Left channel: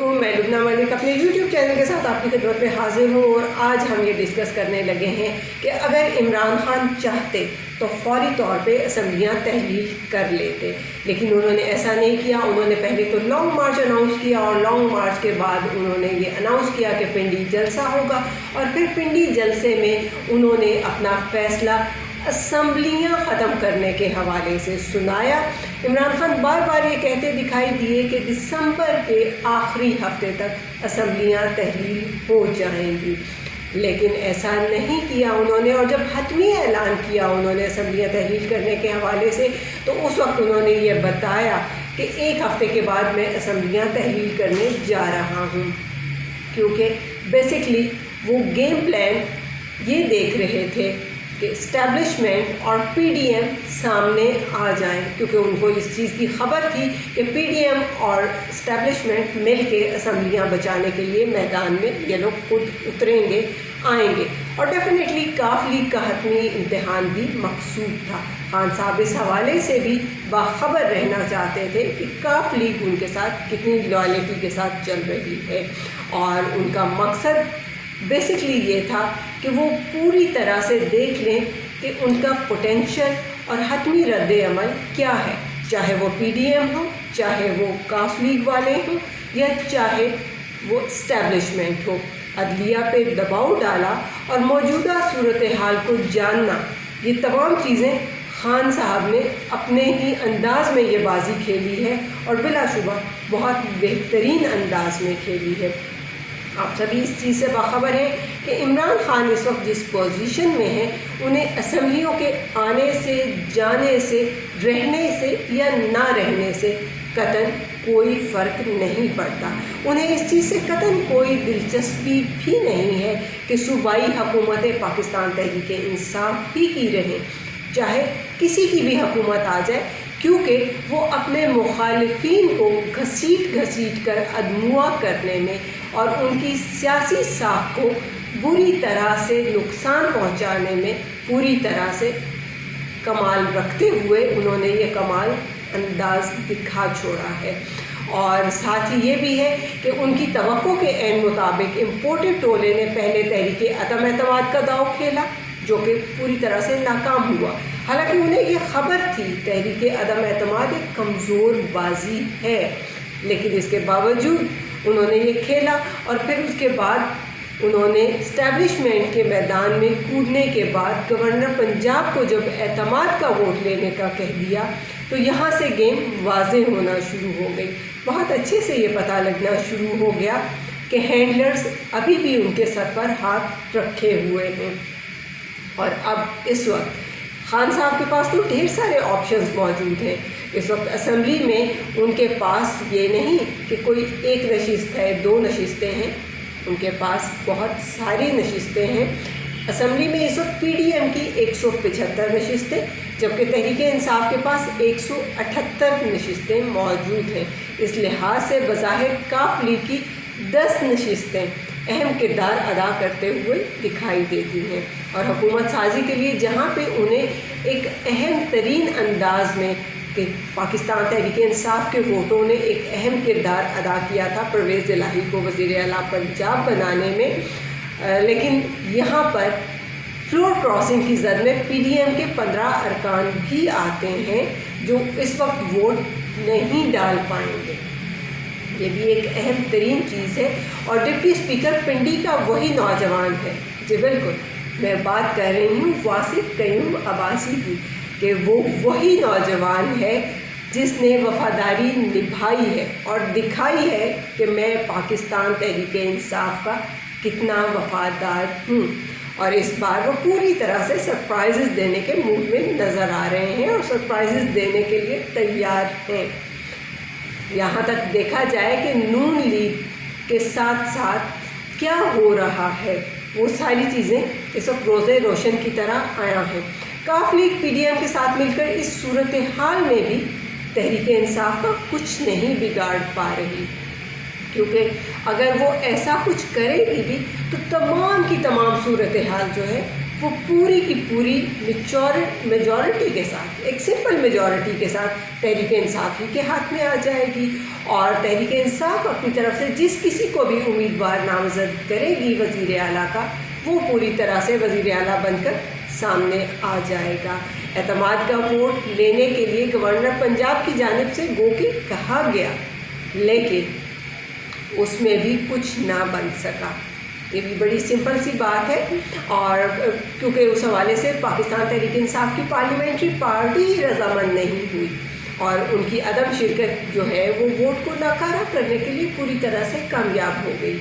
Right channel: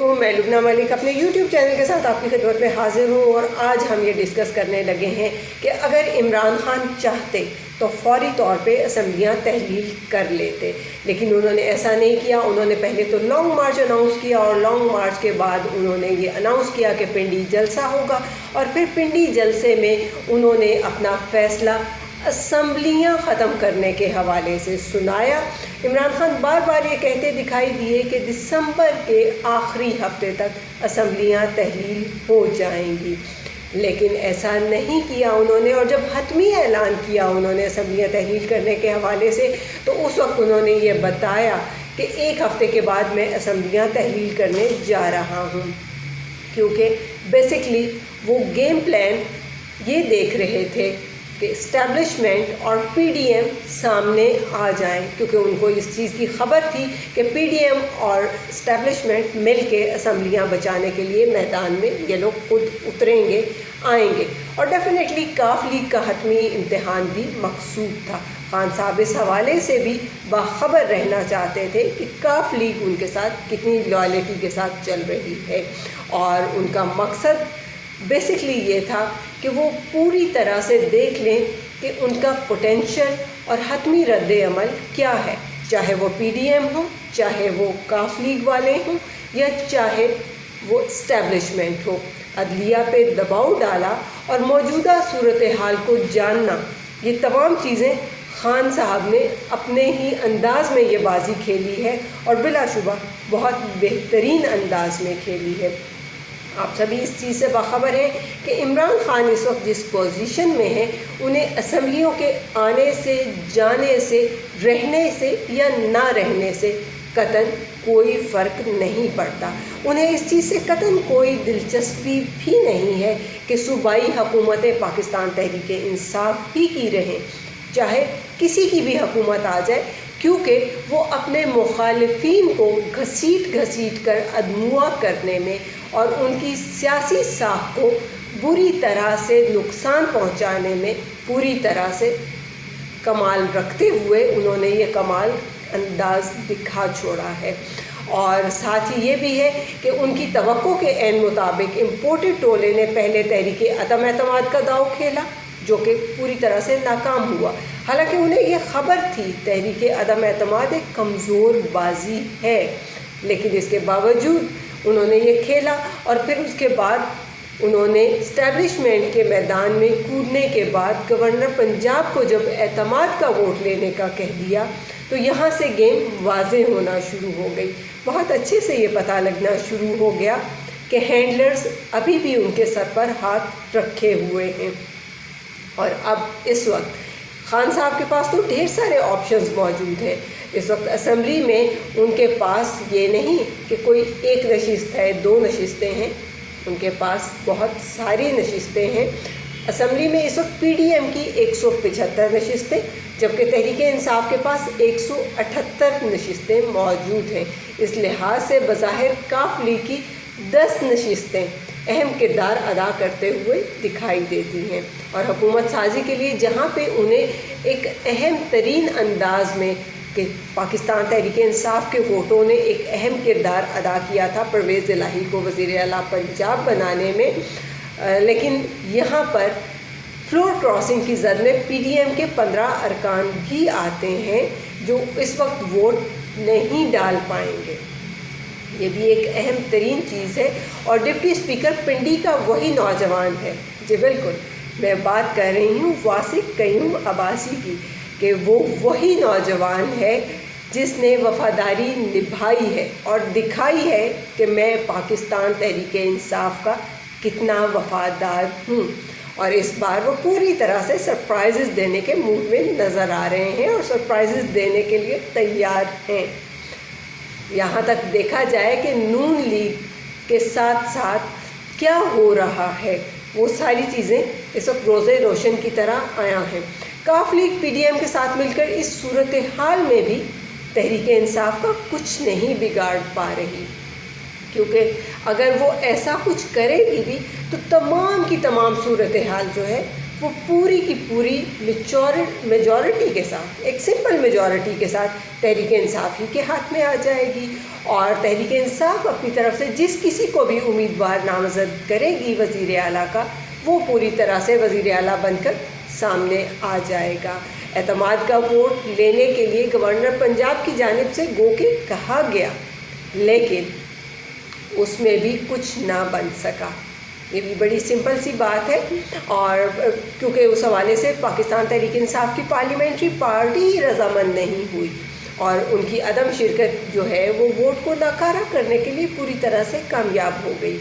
علیکم، میں لبنہ ملک اپنے یوٹیوب چینل کے ساتھ آپ کی خدمت میں حاضر ہوں اور آج ہم یہ ڈسکس کرنے لگے ہیں کہ اگر عمران خان چاہتے تو فوری طور پہ اسمبلیاں تحلیل کر لیتے، لیکن انہوں نے ایسا نہیں کیا۔ انہوں نے پہلے تو لانگ مارچ اناؤنس کیا اور لانگ مارچ کے بعد انہوں نے یہ اناؤنس کیا کہ پنڈی جلسہ ہوگا، اور پھر پنڈی جلسے میں انہوں نے اپنا فیصلہ اسمبلیاں ختم کرنے کے حوالے سے سنایا۔ عمران خان بار بار یہ کہتے دکھائی دیے کہ دسمبر کے آخری ہفتے تک اسمبلیاں تحلیل ہو جائیں گی، لیکن ایسا نہیں کیا انہوں نے۔ اور جب حتمی اعلان کیا انہوں نے اسمبلیاں تحلیل کرنے کے حوالے سے، تو اس وقت انہوں نے یہ بتایا کہ ایک ہفتے کے بعد میں اسمبلیاں تحلیل کرنے جا رہا ہوں، کیونکہ بیسکلی وہ گیم پلان یہ دیکھ رہے تھے کہ اسٹیبلشمنٹ اور پی ڈی ایم سامنے آ جائیں، کیونکہ ان کو اس چیز کی خبر تھی کہ پی ڈی ایم اور اسٹیبلشمنٹ مل کے اسمبلیاں بچانے کے لیے میدان میں یہ لوگ خود اتریں گے، آئیں گے، اور ڈیفینیٹلی کاف لیگ کا حتمی امتحان بھی مقصود تھا۔ خان صاحب اس حوالے سے بھی باخبر رہنا چاہتے تھے کہ کاف لیگ ان کے ساتھ کتنی لائلٹی کے ساتھ چل رہی ہے، اور ان کا مقصد بیسکلی یہ تھا کہ وہ پوری طرح سے دیکھ لیں کہ ان کا پوٹینشیل اور حتمی رد عمل کیا ہے، چاہے وہ پی ڈی ایم ہو، چاہے وہ کاف لیگ والے ہوں، یا چاہے وہ اسٹیبلشمنٹ ہو۔ عدلیہ پہ دباؤ ڈالا اور موجودہ صورتحال کو جاننا، یہ تمام چیزیں خان صاحب نے اپنے ہی انداز میں یہ بازی کھیلی ہے، اور بلا شبہ بہت بہترین انداز میں کھیلی ہے۔ آپ سبھی اس چیز سے باخبر ہیں کہ عمران خان اس وقت جس پوزیشن میں ہیں، انہیں اسمبلیوں کے آنے سے، جانے سے، رہنے سے یا نہ رہنے سے قطعاً کوئی فرق نہیں پڑتا۔ انہیں اس چیز سے قطعاً کوئی دلچسپی بھی نہیں ہے کہ صوبائی حکومتیں پاکستان تحریک انصاف ہی کی رہیں، چاہے کسی کی بھی حکومت آ جائے، کیونکہ وہ اپنے مخالفین کو گھسیٹ کر ادموا کرنے میں اور ان کی سیاسی ساکھ کو بری طرح سے نقصان پہنچانے میں پوری طرح سے کمال رکھتے ہوئے انہوں نے یہ کمال انداز دکھا چھوڑا ہے۔ اور ساتھ ہی یہ بھی ہے کہ ان کی توقع کے عین مطابق امپورٹڈ ٹولے نے پہلے تحریک عدم اعتماد کا داؤ کھیلا، جو کہ پوری طرح سے ناکام ہوا۔ حالانکہ انہیں یہ خبر تھی تحریک عدم اعتماد ایک کمزور بازی ہے، لیکن اس کے باوجود انہوں نے یہ کھیلا، اور پھر اس کے بعد انہوں نے اسٹیبلشمنٹ کے میدان میں کودنے کے بعد گورنر پنجاب کو جب اعتماد کا ووٹ لینے کا کہہ دیا، تو یہاں سے گیم واضح ہونا شروع ہو گئی۔ بہت اچھے سے یہ پتہ لگنا شروع ہو گیا کہ ہینڈلرز ابھی بھی ان کے سر پر ہاتھ رکھے ہوئے ہیں، اور اب اس وقت خان صاحب کے پاس تو ڈھیر سارے آپشنز موجود ہیں۔ اس وقت اسمبلی میں ان کے پاس یہ نہیں کہ کوئی ایک نشست ہے، 2 نشستیں ہیں، ان کے پاس بہت ساری نشستیں ہیں۔ اسمبلی میں اس وقت پی ڈی ایم کی 175 نشستیں، جبکہ تحریک انصاف کے پاس 178 نشستیں موجود ہیں۔ اس لحاظ سے بظاہر کاف لیگ کی 10 نشستیں اہم کردار ادا کرتے ہوئے دکھائی دیتی ہیں، اور حکومت سازی کے لیے جہاں پہ انہیں ایک اہم ترین انداز میں کہ پاکستان تحریک انصاف کے ووٹوں نے ایک اہم کردار ادا کیا تھا پرویز الہی کو وزیر اعلیٰ پنجاب بنانے میں، لیکن یہاں پر فلور کراسنگ کی زد میں پی ڈی ایم کے 15 ارکان بھی آتے ہیں جو اس وقت ووٹ نہیں ڈال پائیں گے۔ یہ بھی ایک اہم ترین چیز ہے، اور ڈپٹی اسپیکر پنڈی کا وہی نوجوان ہے، جی بالکل میں بات کر رہی ہوں واصف قیوم عباسی کی، کہ وہ وہی نوجوان ہے جس نے وفاداری نبھائی ہے اور دکھائی ہے کہ میں پاکستان تحریک انصاف کا کتنا وفادار ہوں، اور اس بار وہ پوری طرح سے سرپرائزز دینے کے موڈ میں نظر آ رہے ہیں اور سرپرائزز دینے کے لیے تیار ہیں۔ یہاں تک دیکھا جائے کہ نون لیگ کے ساتھ ساتھ کیا ہو رہا ہے، وہ ساری چیزیں اس وقت روزے روشن کی طرح آیا ہیں۔ کاف لیگ پی ڈی ایم کے ساتھ مل کر اس صورتحال میں بھی تحریک انصاف کا کچھ نہیں بگاڑ پا رہی، کیونکہ اگر وہ ایسا کچھ کرے گی بھی تو تمام کی تمام صورتحال جو ہے وہ پوری کی پوری میجورٹی کے ساتھ، ایک سمپل میجورٹی کے ساتھ تحریک انصاف ہی کے ہاتھ میں آ جائے گی، اور تحریک انصاف اپنی طرف سے جس کسی کو بھی امیدوار نامزد کرے گی وزیر اعلیٰ کا، وہ پوری طرح سے وزیر اعلیٰ بن کر سامنے آ جائے گا۔ اعتماد کا ووٹ لینے کے لیے گورنر پنجاب کی جانب سے گو کہ کہا گیا، لیکن اس میں بھی کچھ نہ بن سکا۔ یہ بھی بڑی سمپل سی بات ہے، اور کیونکہ اس حوالے سے پاکستان تحریک انصاف کی پارلیمنٹری پارٹی رضامند نہیں ہوئی، اور ان کی عدم شرکت جو ہے وہ ووٹ کو ناکارہ کرنے کے لیے پوری طرح سے کامیاب ہو گئی۔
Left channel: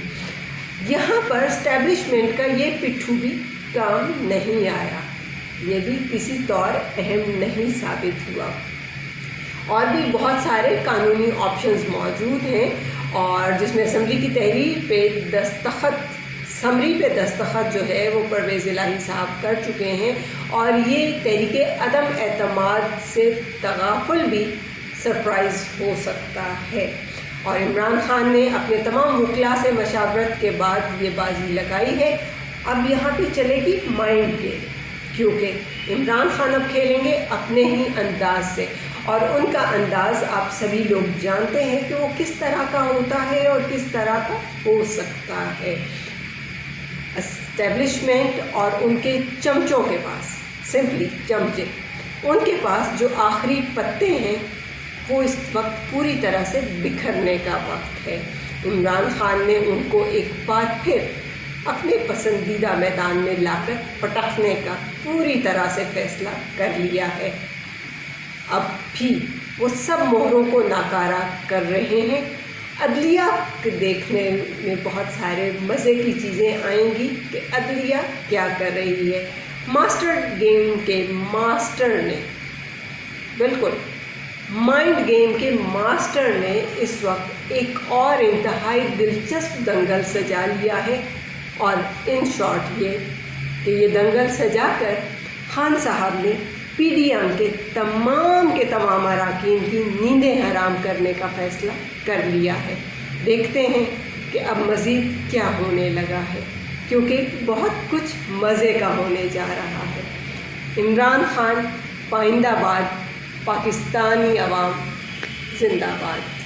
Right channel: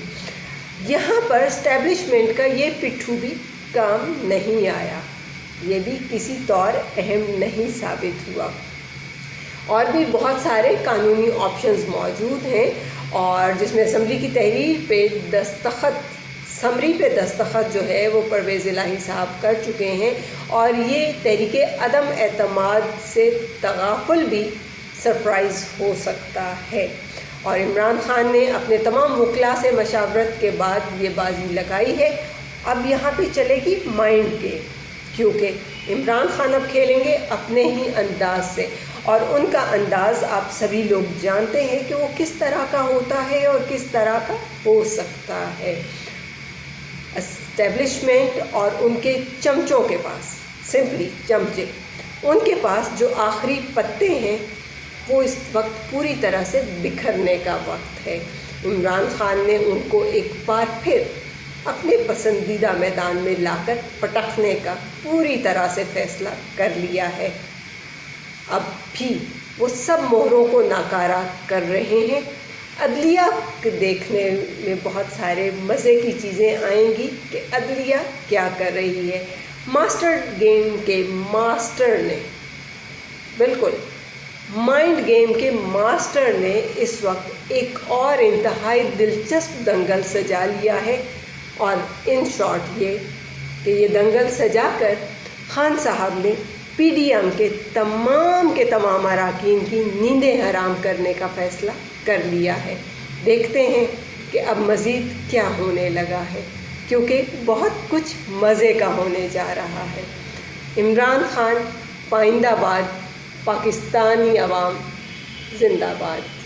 یہاں پر اسٹیبلشمنٹ کا یہ پٹھو بھی کام نہیں آیا، یہ بھی کسی طور اہم نہیں ثابت ہوا۔ اور بھی بہت سارے قانونی آپشنز موجود ہیں، اور جس میں اسمبلی کی تحریر پہ سمری پہ دستخط جو ہے وہ پرویز الہی صاحب کر چکے ہیں، اور یہ تحریک عدم اعتماد سے تغافل بھی سرپرائز ہو سکتا ہے۔ اور عمران خان نے اپنے تمام وکلاء سے مشاورت کے بعد یہ بازی لگائی ہے۔ اب یہاں پہ چلے گی مائنڈ گیم، کیونکہ عمران خان اب کھیلیں گے اپنے ہی انداز سے، اور ان کا انداز آپ سبھی لوگ جانتے ہیں کہ وہ کس طرح کا ہوتا ہے اور کس طرح کا ہو سکتا ہے۔ اسٹیبلشمنٹ اور ان کے چمچوں کے پاس، سمپلی چمچے، ان کے پاس جو آخری پتے ہیں وہ اس وقت پوری طرح سے بکھرنے کا وقت ہے۔ عمران خان نے ان کو ایک بار پھر اپنے پسندیدہ میدان میں لا کر پٹکنے کا پوری طرح سے فیصلہ کر لیا ہے۔ اب بھی وہ سب مہروں کو ناکارہ کر رہے ہیں۔ عدلیہ دیکھنے میں بہت سارے مزے کی چیزیں آئیں گی کہ عدلیہ کیا کر رہی ہے۔ ماسٹر گیم کے ماسٹر نے، بالکل مائنڈ گیم کے ماسٹر نے اس وقت ایک اور انتہائی دلچسپ دنگل سجا لیا ہے، اور ان شارٹ یہ کہ یہ دنگل سجا کر خان صاحب نے پی ڈی ایم کے تمام اراکین کی نیندیں حرام کرنے کا فیصلہ کر لیا ہے۔ دیکھتے ہیں کہ اب مزید کیا ہونے لگا ہے، کیونکہ بہت کچھ مزے کا ہونے جا رہا ہے۔ عمران خان پائندہ باد، پاکستانی عوام زندہ باد۔